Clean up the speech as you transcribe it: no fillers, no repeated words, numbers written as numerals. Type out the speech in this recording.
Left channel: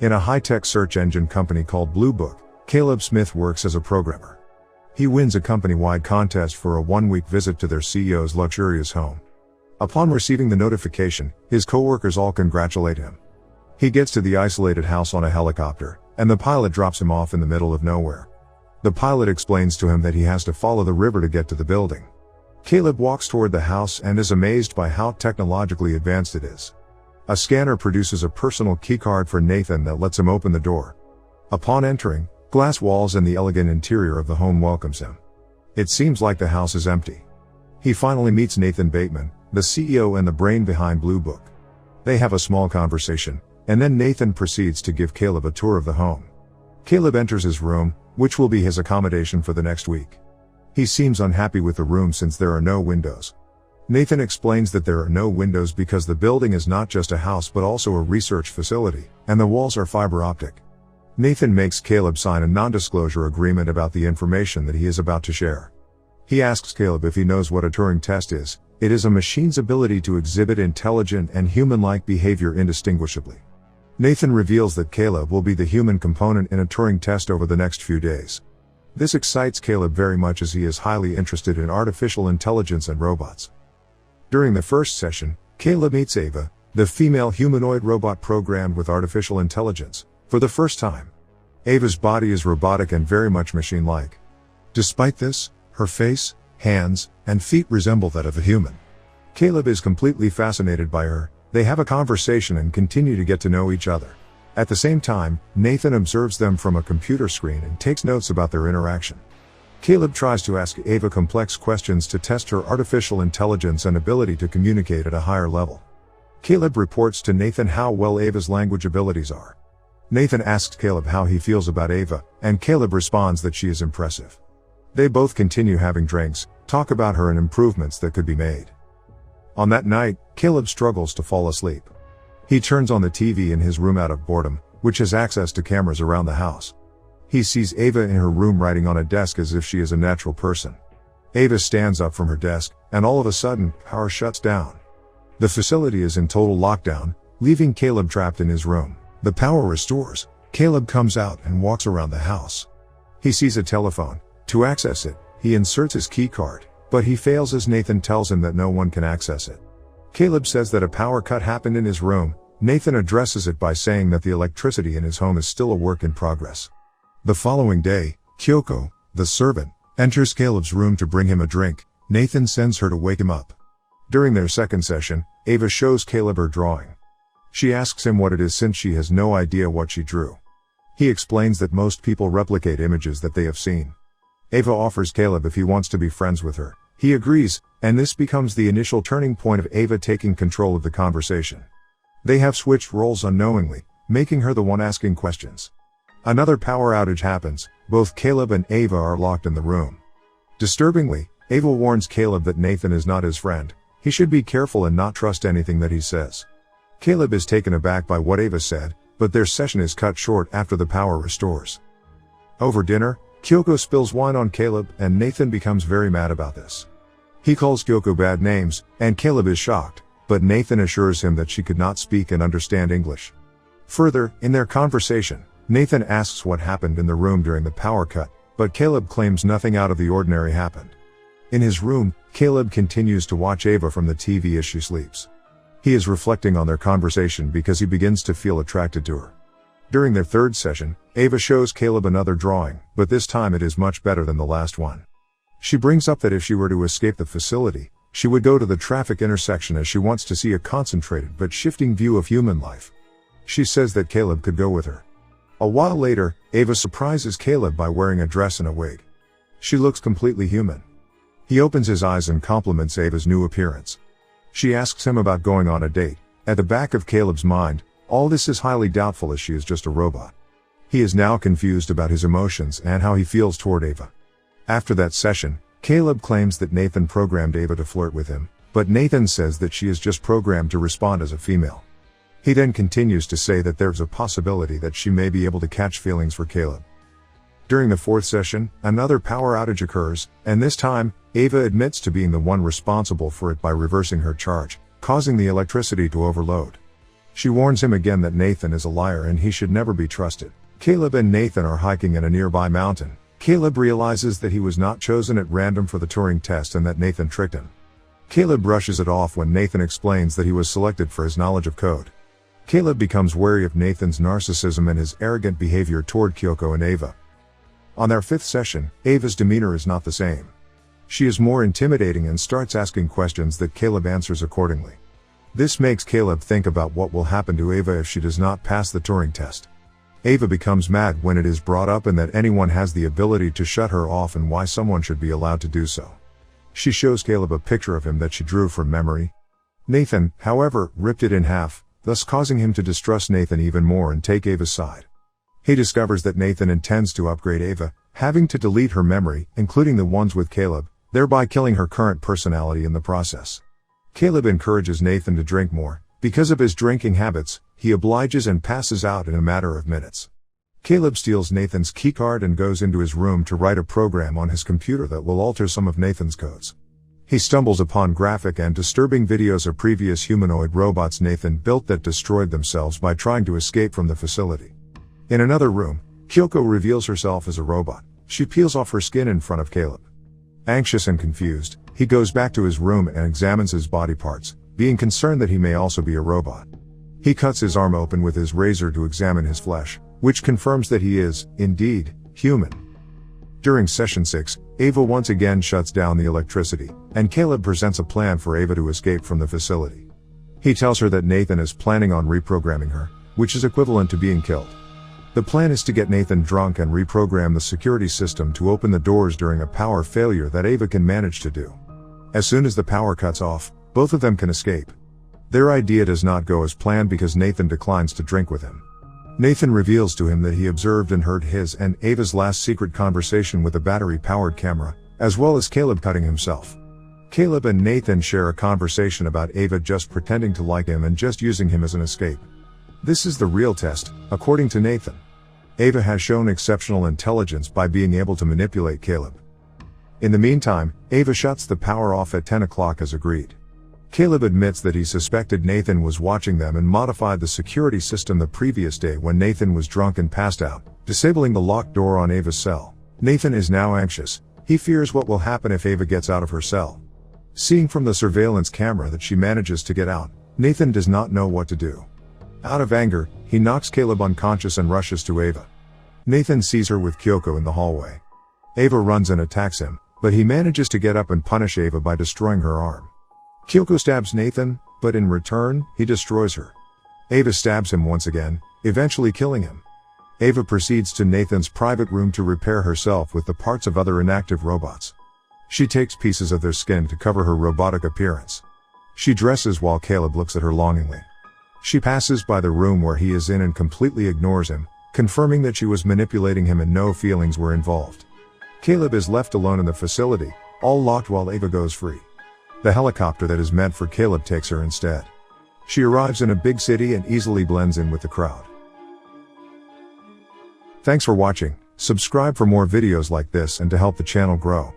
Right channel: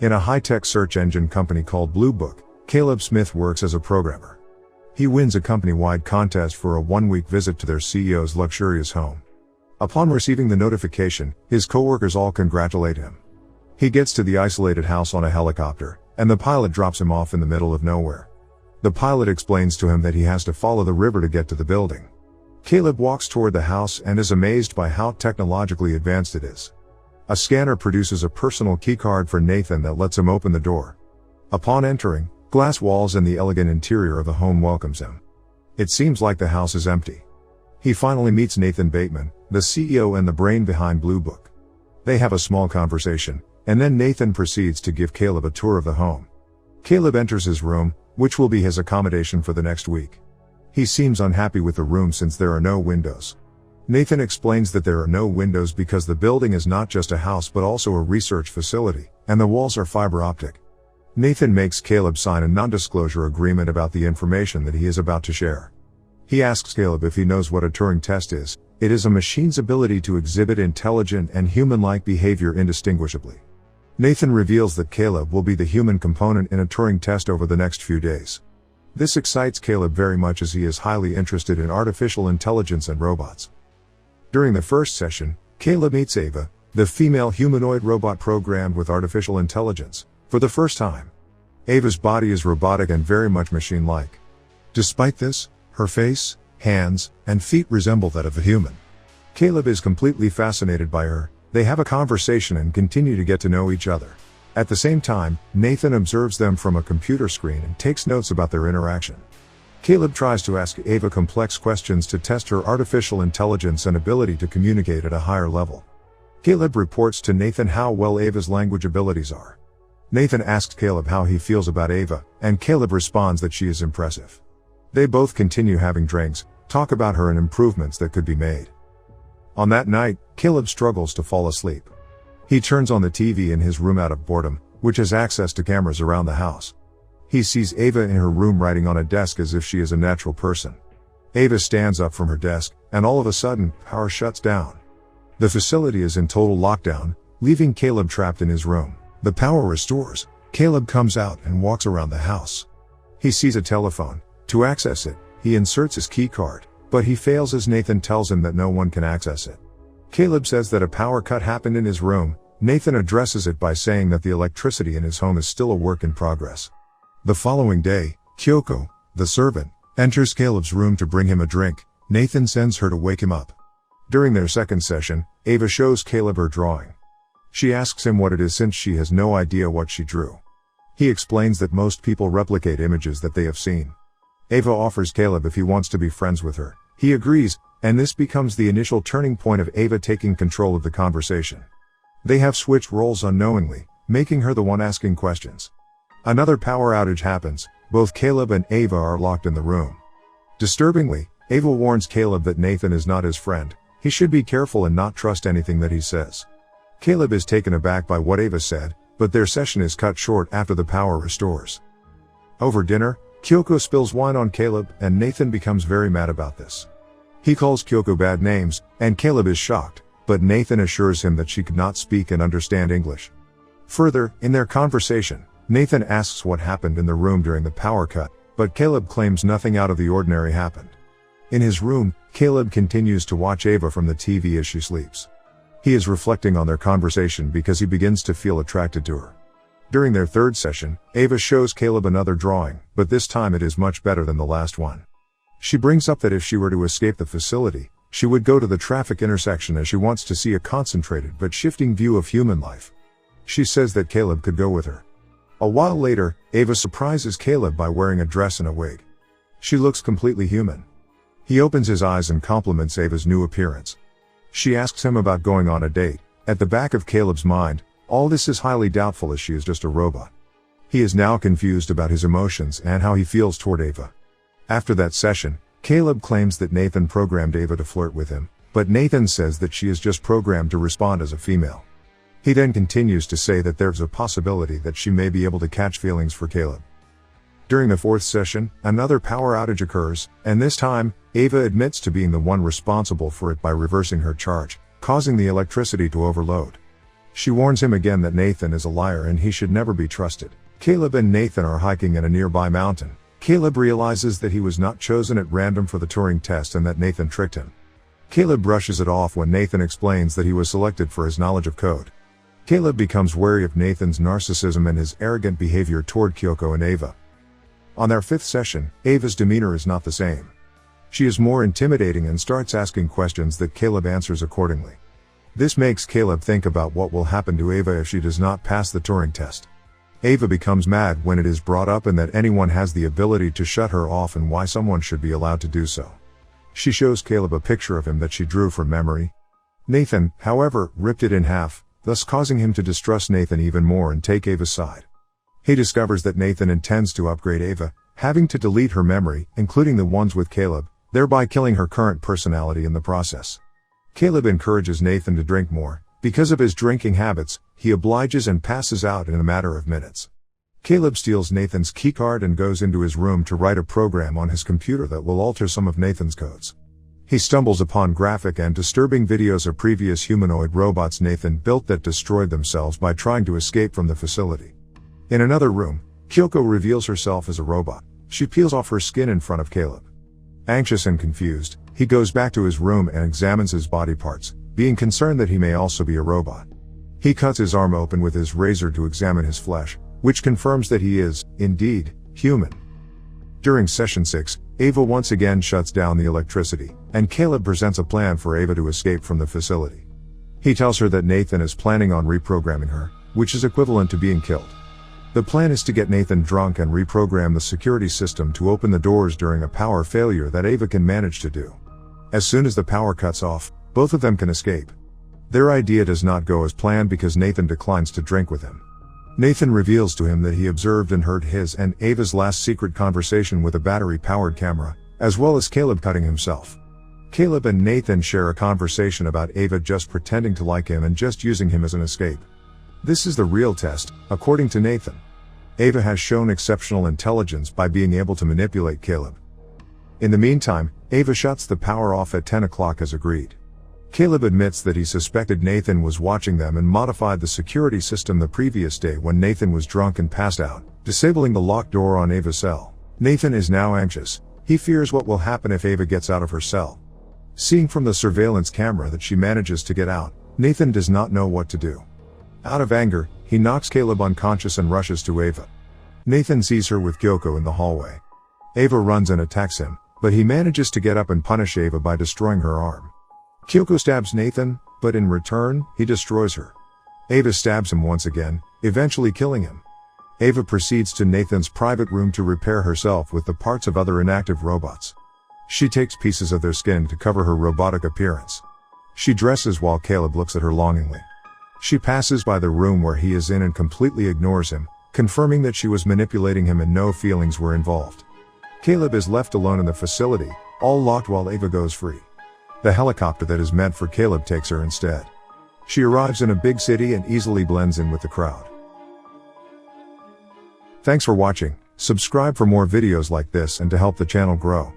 In a high-tech search engine company called Blue Book, Caleb Smith works as a programmer. He wins a company-wide contest for a one-week visit to their CEO's luxurious home. Upon receiving the notification, his coworkers all congratulate him. He gets to the isolated house on a helicopter, and the pilot drops him off in the middle of nowhere. The pilot explains to him that he has to follow the river to get to the building. Caleb walks toward the house and is amazed by how technologically advanced it is. A scanner produces a personal keycard for Nathan that lets him open the door. Upon entering, glass walls and the elegant interior of the home welcomes him. It seems like the house is empty. He finally meets Nathan Bateman, the CEO and the brain behind Blue Book. They have a small conversation, and then Nathan proceeds to give Caleb a tour of the home. Caleb enters his room, which will be his accommodation for the next week. He seems unhappy with the room since there are no windows. Nathan explains that there are no windows because the building is not just a house but also a research facility, and the walls are fiber optic. Nathan makes Caleb sign a non-disclosure agreement about the information that he is about to share. He asks Caleb if he knows what a Turing test is. It is a machine's ability to exhibit intelligent and human-like behavior indistinguishably. Nathan reveals that Caleb will be the human component in a Turing test over the next few days. This excites Caleb very much as he is highly interested in artificial intelligence and robots. During the first session, Caleb meets Ava, the female humanoid robot programmed with artificial intelligence, for the first time. Ava's body is robotic and very much machine-like. Despite this, her face, hands, and feet resemble that of a human. Caleb is completely fascinated by her. They have a conversation and continue to get to know each other. At the same time, Nathan observes them from a computer screen and takes notes about their interaction. Caleb tries to ask Ava complex questions to test her artificial intelligence and ability to communicate at a higher level. Caleb reports to Nathan how well Ava's language abilities are. Nathan asks Caleb how he feels about Ava, and Caleb responds that she is impressive. They both continue having drinks, talk about her and improvements that could be made. On that night, Caleb struggles to fall asleep. He turns on the TV in his room out of boredom, which has access to cameras around the house. He sees Ava in her room writing on a desk as if she is a natural person. Ava stands up from her desk, and all of a sudden, power shuts down. The facility is in total lockdown, leaving Caleb trapped in his room. The power restores. Caleb comes out and walks around the house. He sees a telephone. To access it, he inserts his key card, but he fails as Nathan tells him that no one can access it. Caleb says that a power cut happened in his room. Nathan addresses it by saying that the electricity in his home is still a work in progress. The following day, Kyoko, the servant, enters Caleb's room to bring him a drink. Nathan sends her to wake him up. During their second session, Ava shows Caleb her drawing. She asks him what it is since she has no idea what she drew. He explains that most people replicate images that they have seen. Ava offers Caleb if he wants to be friends with her. He agrees, and this becomes the initial turning point of Ava taking control of the conversation. They have switched roles unknowingly, making her the one asking questions. Another power outage happens. Both Caleb and Ava are locked in the room. Disturbingly, Ava warns Caleb that Nathan is not his friend. He should be careful and not trust anything that he says. Caleb is taken aback by what Ava said, but their session is cut short after the power restores. Over dinner, Kyoko spills wine on Caleb, and Nathan becomes very mad about this. He calls Kyoko bad names, and Caleb is shocked, but Nathan assures him that she could not speak and understand English. Further, in their conversation, Nathan asks what happened in the room during the power cut, but Caleb claims nothing out of the ordinary happened. In his room, Caleb continues to watch Ava from the TV as she sleeps. He is reflecting on their conversation because he begins to feel attracted to her. During their third session, Ava shows Caleb another drawing, but this time it is much better than the last one. She brings up that if she were to escape the facility, she would go to the traffic intersection as she wants to see a concentrated but shifting view of human life. She says that Caleb could go with her. A while later, Ava surprises Caleb by wearing a dress and a wig. She looks completely human. He opens his eyes and compliments Ava's new appearance. She asks him about going on a date. At the back of Caleb's mind, all this is highly doubtful as she is just a robot. He is now confused about his emotions and how he feels toward Ava. After that session, Caleb claims that Nathan programmed Ava to flirt with him, but Nathan says that she is just programmed to respond as a female. He then continues to say that there's a possibility that she may be able to catch feelings for Caleb. During the fourth session, another power outage occurs, and this time, Ava admits to being the one responsible for it by reversing her charge, causing the electricity to overload. She warns him again that Nathan is a liar and he should never be trusted. Caleb and Nathan are hiking in a nearby mountain. Caleb realizes that he was not chosen at random for the Turing test and that Nathan tricked him. Caleb brushes it off when Nathan explains that he was selected for his knowledge of code. Caleb becomes wary of Nathan's narcissism and his arrogant behavior toward Kyoko and Ava. On their 5th session, Ava's demeanor is not the same. She is more intimidating and starts asking questions that Caleb answers accordingly. This makes Caleb think about what will happen to Ava if she does not pass the Turing test. Ava becomes mad when it is brought up and that anyone has the ability to shut her off and why someone should be allowed to do so. She shows Caleb a picture of him that she drew from memory. Nathan, however, ripped it in half, thus causing him to distrust Nathan even more and take Ava's side. He discovers that Nathan intends to upgrade Ava, having to delete her memory, including the ones with Caleb, thereby killing her current personality in the process. Caleb encourages Nathan to drink more. Because of his drinking habits, he obliges and passes out in a matter of minutes. Caleb steals Nathan's keycard and goes into his room to write a program on his computer that will alter some of Nathan's codes. He stumbles upon graphic and disturbing videos of previous humanoid robots Nathan built that destroyed themselves by trying to escape from the facility. In another room, Kyoko reveals herself as a robot. She peels off her skin in front of Caleb. Anxious and confused, he goes back to his room and examines his body parts, being concerned that he may also be a robot. He cuts his arm open with his razor to examine his flesh, which confirms that he is, indeed, human. During session 6, Ava once again shuts down the electricity, and Caleb presents a plan for Ava to escape from the facility. He tells her that Nathan is planning on reprogramming her, which is equivalent to being killed. The plan is to get Nathan drunk and reprogram the security system to open the doors during a power failure that Ava can manage to do. As soon as the power cuts off, both of them can escape. Their idea does not go as planned because Nathan declines to drink with him. Nathan reveals to him that he observed and heard his and Ava's last secret conversation with a battery-powered camera, as well as Caleb cutting himself. Caleb and Nathan share a conversation about Ava just pretending to like him and just using him as an escape. This is the real test, according to Nathan. Ava has shown exceptional intelligence by being able to manipulate Caleb. In the meantime, Ava shuts the power off at 10 o'clock as agreed. Caleb admits that he suspected Nathan was watching them and modified the security system the previous day when Nathan was drunk and passed out, disabling the locked door on Ava's cell. Nathan is now anxious. He fears what will happen if Ava gets out of her cell. Seeing from the surveillance camera that she manages to get out, Nathan does not know what to do. Out of anger, he knocks Caleb unconscious and rushes to Ava. Nathan sees her with Kyoko in the hallway. Ava runs and attacks him, but he manages to get up and punish Ava by destroying her arm. Kyoko stabs Nathan, but in return, he destroys her. Ava stabs him once again, eventually killing him. Ava proceeds to Nathan's private room to repair herself with the parts of other inactive robots. She takes pieces of their skin to cover her robotic appearance. She dresses while Caleb looks at her longingly. She passes by the room where he is in and completely ignores him, confirming that she was manipulating him and no feelings were involved. Caleb is left alone in the facility, all locked while Ava goes free. The helicopter that is meant for Caleb takes her instead. She arrives in a big city and easily blends in with the crowd. Thanks for watching. Subscribe for more videos like this and to help the channel grow.